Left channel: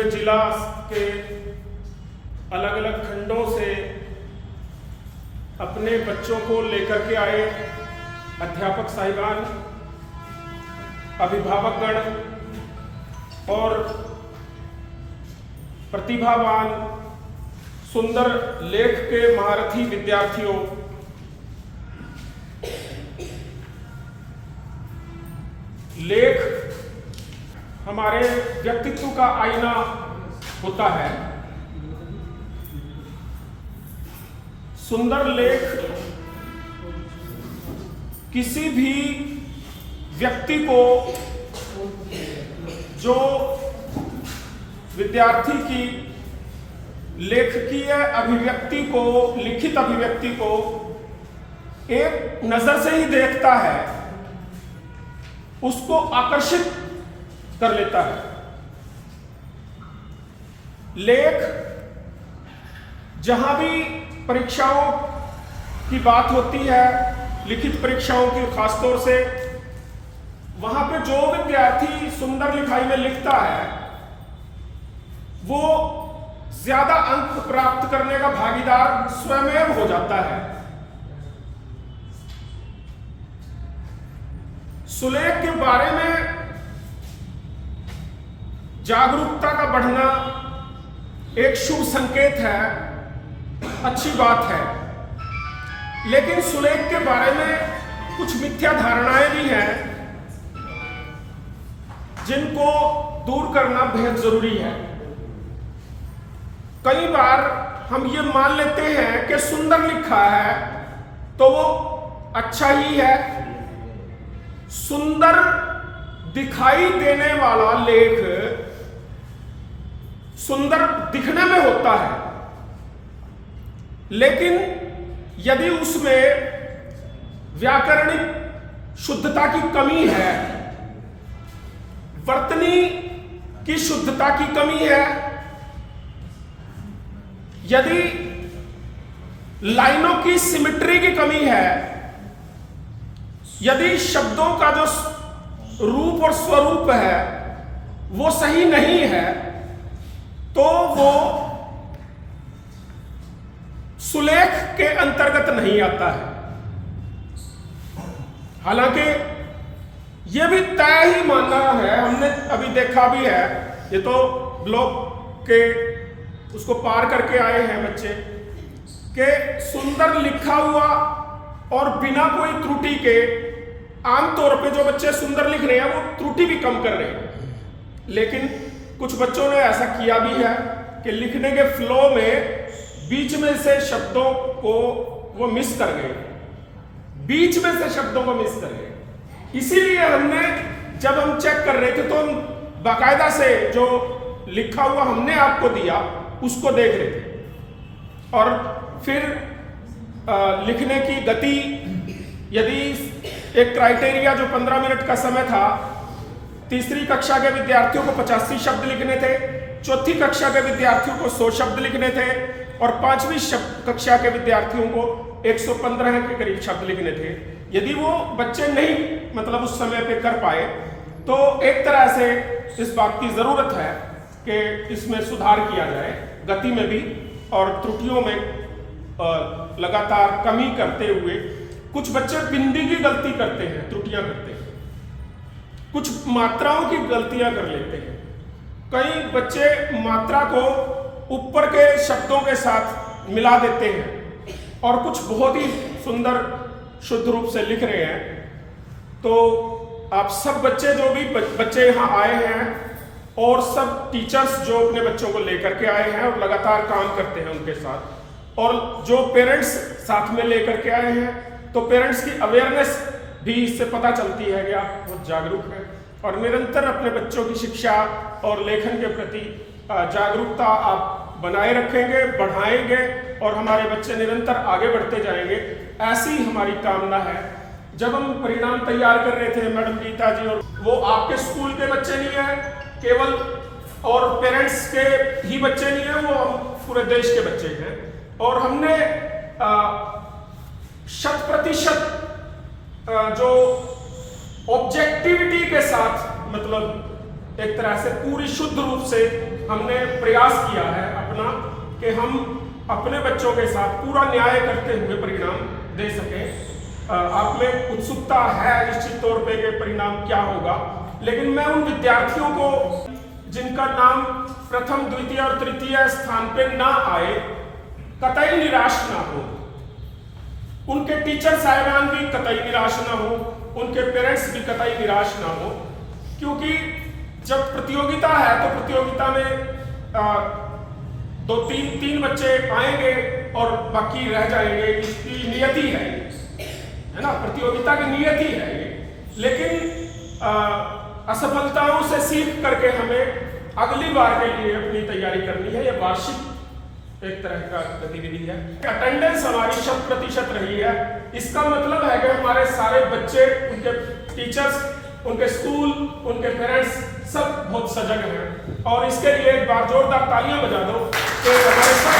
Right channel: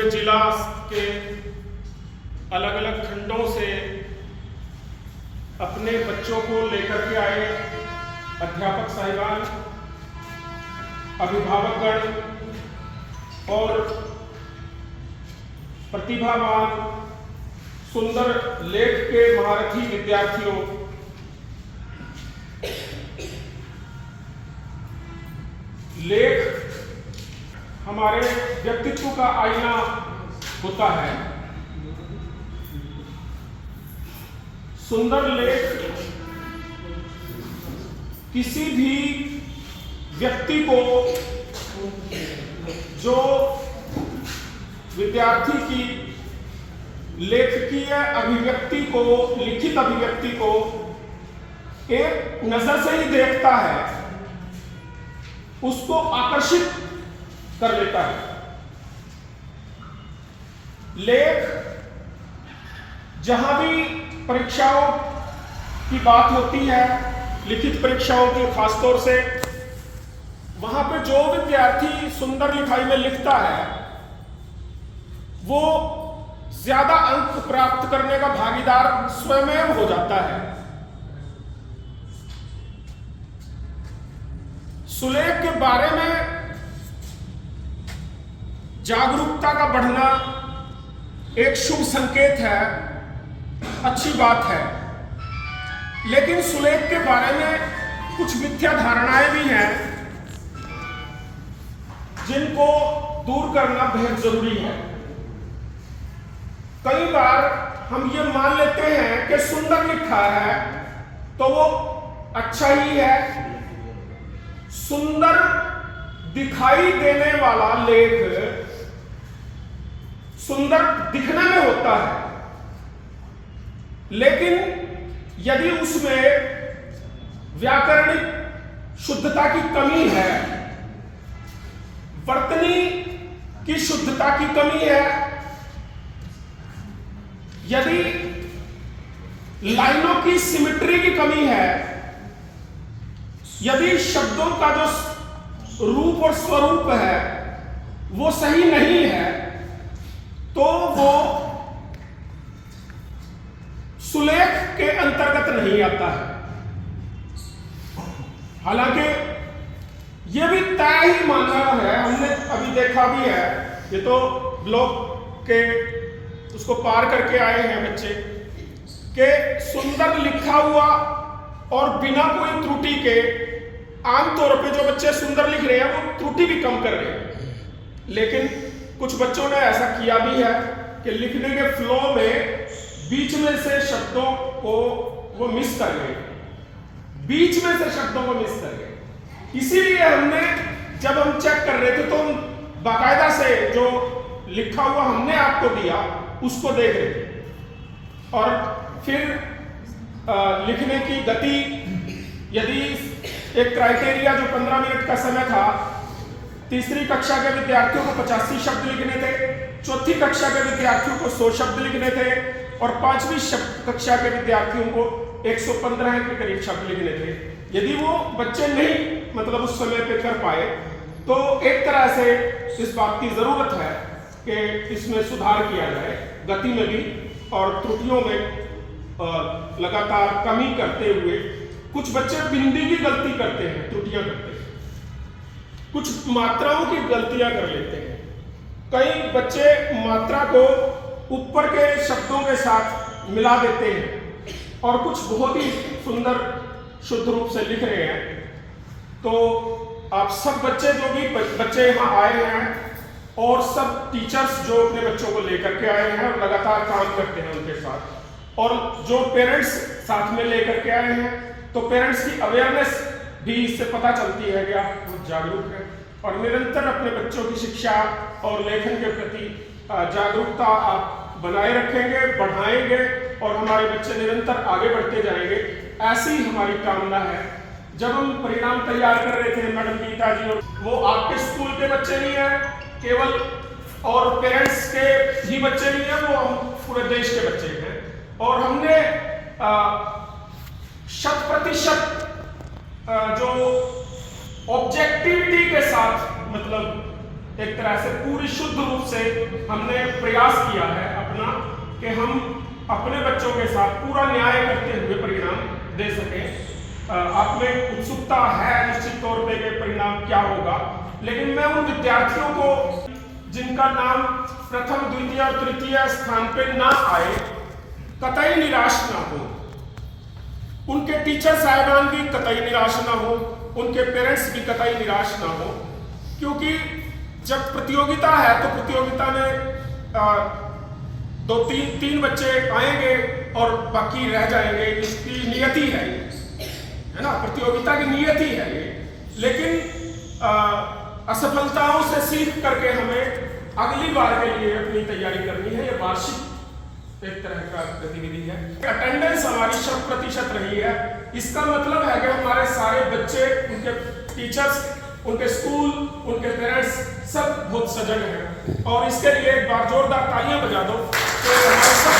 पूरे जिला के अलग अलग खंडों से अपने बच्चों को लेकर के आए अध्यापक साहिबान, अभिभावकगण और प्रतिभावान सुंदर लेख के महारथी विद्यार्थियों, लेख हमारे व्यक्तित्व का आईना होता है। सुंदर लेख किसी भी व्यक्ति को, जो विद्यार्थी की लेखकीय अभिव्यक्ति को, लिखित अभिव्यक्ति को एक नजर से ही देखता है, उसको आकर्षित कर लेता है। लेख जहां भी परीक्षाओं की बात होती है, लिखित परीक्षाओं की खासतौर से, वहां पे जो विद्यार्थी सुंदर लिखाई में लिखता है वो ज्यादा अंक प्राप्त करने का भागीदार स्वयं हो जाता है। सुलेख के बारे में जागरूकता का बढ़ना एक शुभ संकेत है, अच्छी बात है, लेकिन सुलेख के बारे में कुछ मिथ्या धारणाएं भी हैं जिनको दूर करना बेहद जरूरी है। कई बार हम ये मान लेते हैं कि सुंदर लिखा है तो वो अच्छा ही है। सुंदर दिखाई देने वाला लेख सुंदर दिखने में होता है, लेकिन यदि उसमें व्याकरणिक शुद्धता की कमी है, वर्तनी की शुद्धता की कमी है, यदि लाइनों की सिमेट्री की कमी है, यदि शब्दों का जो रूप और स्वरूप है वो सही नहीं है, तो वो सुलेख के अंतर्गत नहीं आता है। हालांकि यह भी तय ही मानना है, हमने अभी देखा भी है, ये तो ब्लॉक के उसको पार करके आए हैं बच्चे, कि सुंदर लिखा हुआ और बिना कोई त्रुटि के, आमतौर पे जो बच्चे सुंदर लिख रहे हैं वो त्रुटि भी कम कर रहे हैं, लेकिन कुछ बच्चों ने ऐसा किया भी है कि लिखने के फ्लो में बीच में से शब्दों को वो मिस कर गए, बीच में से शब्दों को मिस कर गए। इसीलिए हमने, जब हम चेक कर रहे थे तो हम बाकायदा से जो लिखा हुआ हमने आपको दिया उसको देख रहे थे, और फिर लिखने की गति, यदि एक क्राइटेरिया जो 15 मिनट का समय था, तीसरी कक्षा के विद्यार्थियों को 85 शब्द लिखने थे, चौथी कक्षा के विद्यार्थियों को 100 शब्द लिखने थे, और 5वीं कक्षा के विद्यार्थियों को 115 के करीब शब्द लिखने थे। यदि वो बच्चे नहीं मतलब उस समय पे कर पाए तो एक तरह से इस बात की जरूरत है कि इसमें सुधार किया जाए, गति में भी और त्रुटियों में लगातार कमी करते हुए। कुछ बच्चे बिंदी की गलती करते हैं, त्रुटियां करते हैं, कुछ मात्राओं की गलतियां कर लेते हैं। कई बच्चे मात्रा को ऊपर के शब्दों के साथ मिला देते हैं और कुछ बहुत ही सुंदर शुद्ध रूप से लिख रहे हैं। तो आप सब बच्चे, जो भी बच्चे यहाँ आए हैं, और सब टीचर्स जो अपने बच्चों को लेकर के आए हैं और लगातार काम करते हैं उनके साथ, और जो पेरेंट्स साथ में लेकर के आए हैं, तो पेरेंट्स की अवेयरनेस भी इससे पता चलती है कि आप बहुत जागरूक हैं और निरंतर अपने बच्चों की शिक्षा और लेखन के प्रति जागरूकता आप बनाए रखेंगे, बढ़ाएंगे, और हमारे बच्चे निरंतर आगे बढ़ते जाएंगे, ऐसी हमारी कामना है। जब हम परिणाम तैयार कर रहे थे मैडम गीता जी, और वो आपके स्कूल के बच्चे नहीं हैं केवल, और पेरेंट्स के ही बच्चे नहीं हैं, वो हम पूरे देश के बच्चे हैं, और हमने 100% जो ऑब्जेक्टिविटी के साथ, मतलब एक तरह से पूरी शुद्ध रूप से हमने प्रयास किया है अपना कि हम अपने बच्चों के साथ पूरा न्याय करते हुए परिणाम दे सकें। आप में उत्सुकता है निश्चित तौर पे कि परिणाम क्या होगा, लेकिन मैं उन विद्यार्थियों को जिनका नाम प्रथम द्वितीय और तृतीय स्थान पे ना आए कतई निराश ना हो, उनके टीचर साहिबान भी कतई निराश ना हो, उनके पेरेंट्स भी कतई निराश ना हो, क्योंकि जब प्रतियोगिता है तो प्रतियोगिता में दो तीन बच्चे आएंगे और बाकी रह जाएंगे, इसकी नियति है ना, प्रतियोगिता की नियति है ये। लेकिन असफलताओं से सीख करके हमें अगली बार के लिए अपनी तैयारी करनी है। ये वार्षिक एक तरह का गतिविधि है। अटेंडेंस हमारी 100% रही है, इसका मतलब है कि हमारे सारे बच्चे, उनके टीचर्स, उनके स्कूल, उनके पेरेंट्स सब बहुत सजग हैं। और इसके लिए एक बार जोरदार तालियां बजा दो कि हमारे सब